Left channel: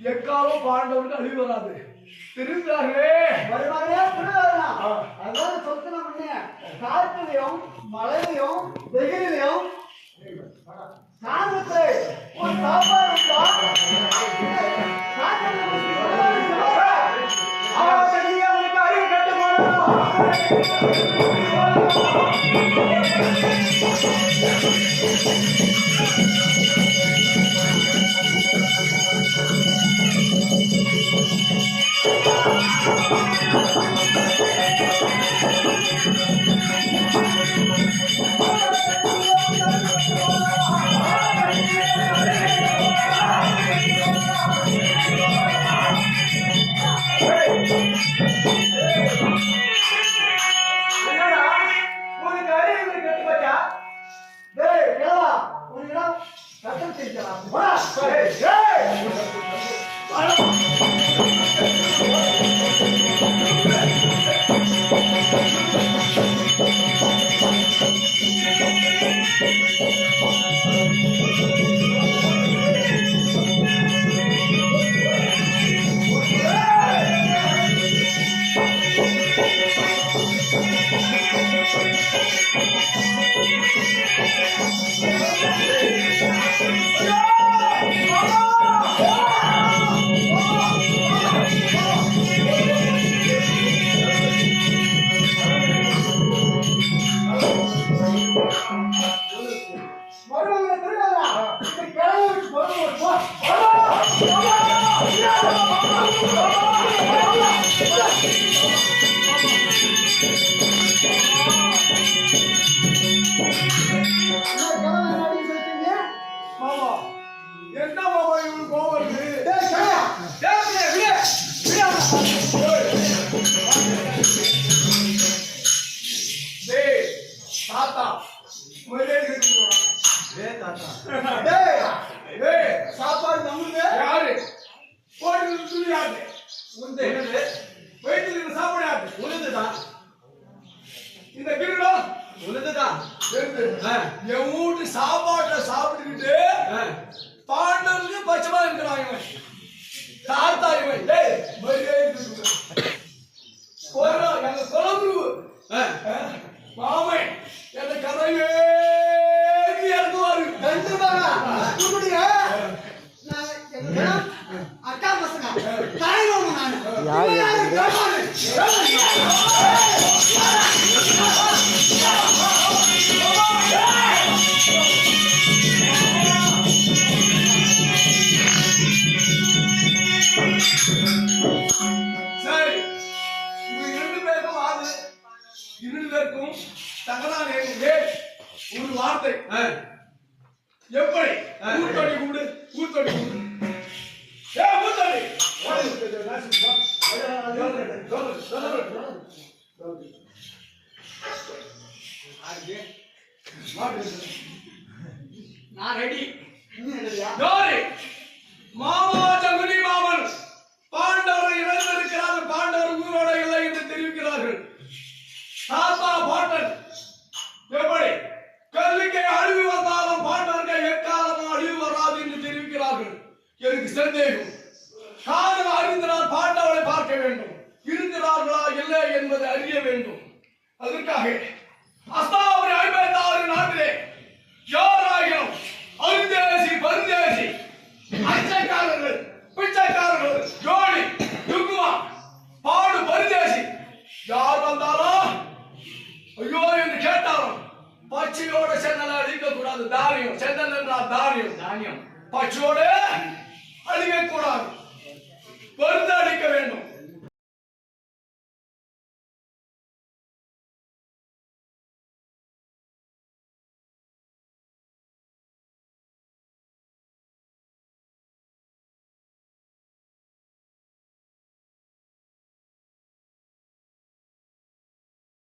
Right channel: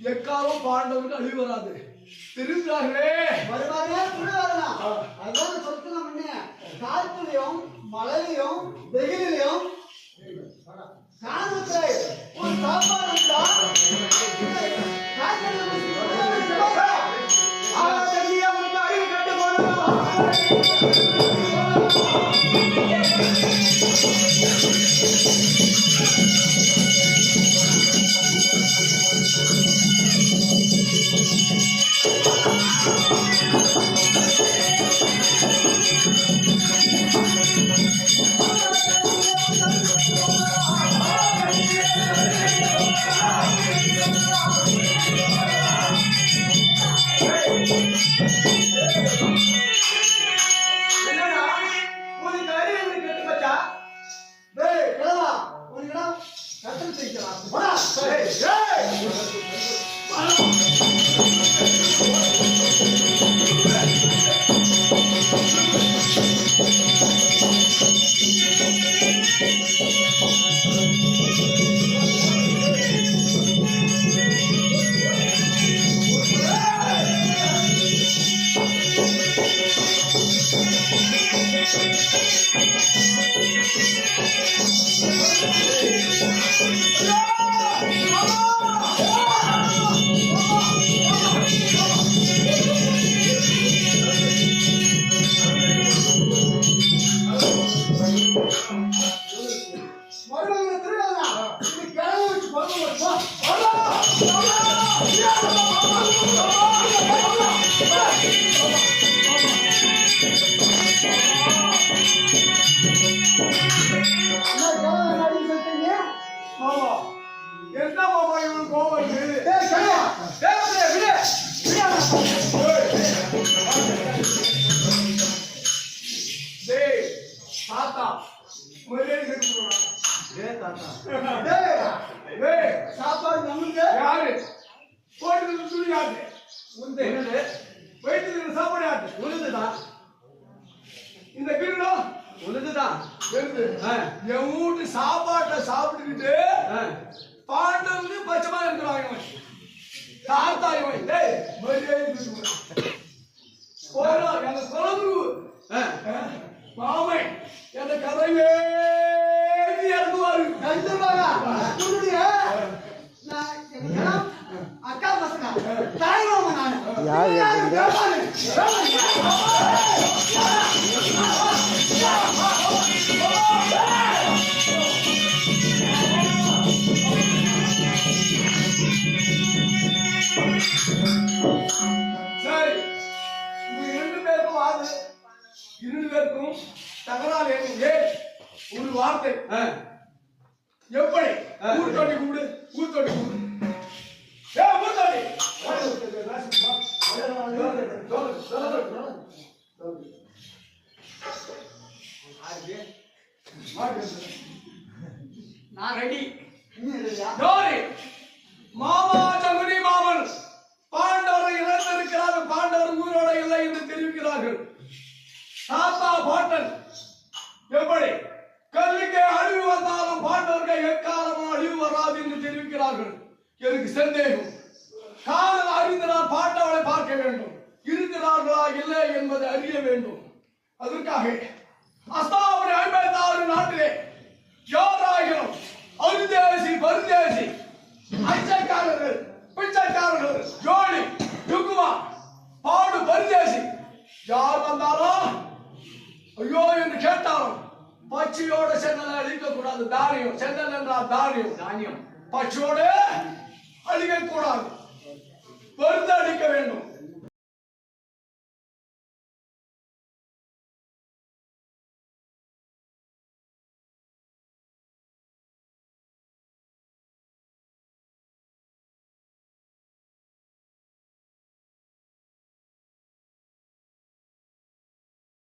எக்காலம் பாண்டவர்கள் அழிவு வராது. திருந்தார்களே வருவாரே புரிவாரா? அதாவது சொத்து நம்ம காற்றிலையும் மழையிலையும் வெயிலையும் சாந்தத்தை ஒரு சாப்பாடு அவனுக்கு அறிவு கட்டு உழுதுதான் தெரியுது. என் வீட்டு சாப்பாட்டை சாப்பிட்டுக்கிட்டு பாண்டவனுக்கு பச்சைமா இருக்கிறான் இவன். தாத்தா இவன். டேய், மரியாதை இருக்குடா. போறோம், எங்க குலகுரு மாமன் எந்த கதையே இறங்குவாரு. கண்டிப்பாக உன்னுடைய அக்கா பசங்க தலைவன் நான் சரி, உங்க 2 பேருக்கும் வாது 2 பேருக்கும் தகராறு ஒரு வார்த்தை எப்படி ஊத்தடி கூடு ஊத்தடி கூடு ஊத்தடி நான் ரெடி மாமா சங்குனி மாமன் பாண்டவர் இறந்திருக்கிறார்கள். பாண்டவர் உயிரோட இல்லை என்று தெரிவிக்கிறார்கள். தாத்தா பாட்டன் எப்படி கல்லுக்கே அழிவு வந்தாலும் பாண்டவர்கள் எக்காலமும் அழிவு வராது என்று தெரிவிக்கிறார்கள். எனக்கு சந்தேகம். காரணம் அறிந்தனால் பாண்டவரை பார்க்க வேண்டும். இருக்கிறார்களா இல்லை என்பதை அறிய வேண்டும். அதற்காக அஸ்தாபுரி 56 நாட்டிலே யாராயிரம் அருந்தேசி பருந்தேசி அச்சைக்காரர்கள் பிச்சைக்காரர்கள் ஜோடி துக்குமா பாடு பருந்தேசி யார் வந்தாலும் ஐயோ என்று கேட்டாலும் பச்சையோட சென்னலை அழிக்க கூடாது. தானியம் சென்னல் என்றால் தானியம் தானியம் பச்சையோடு அழிக்க கூடாது. பருந்து அடிக்க வேண்டும்.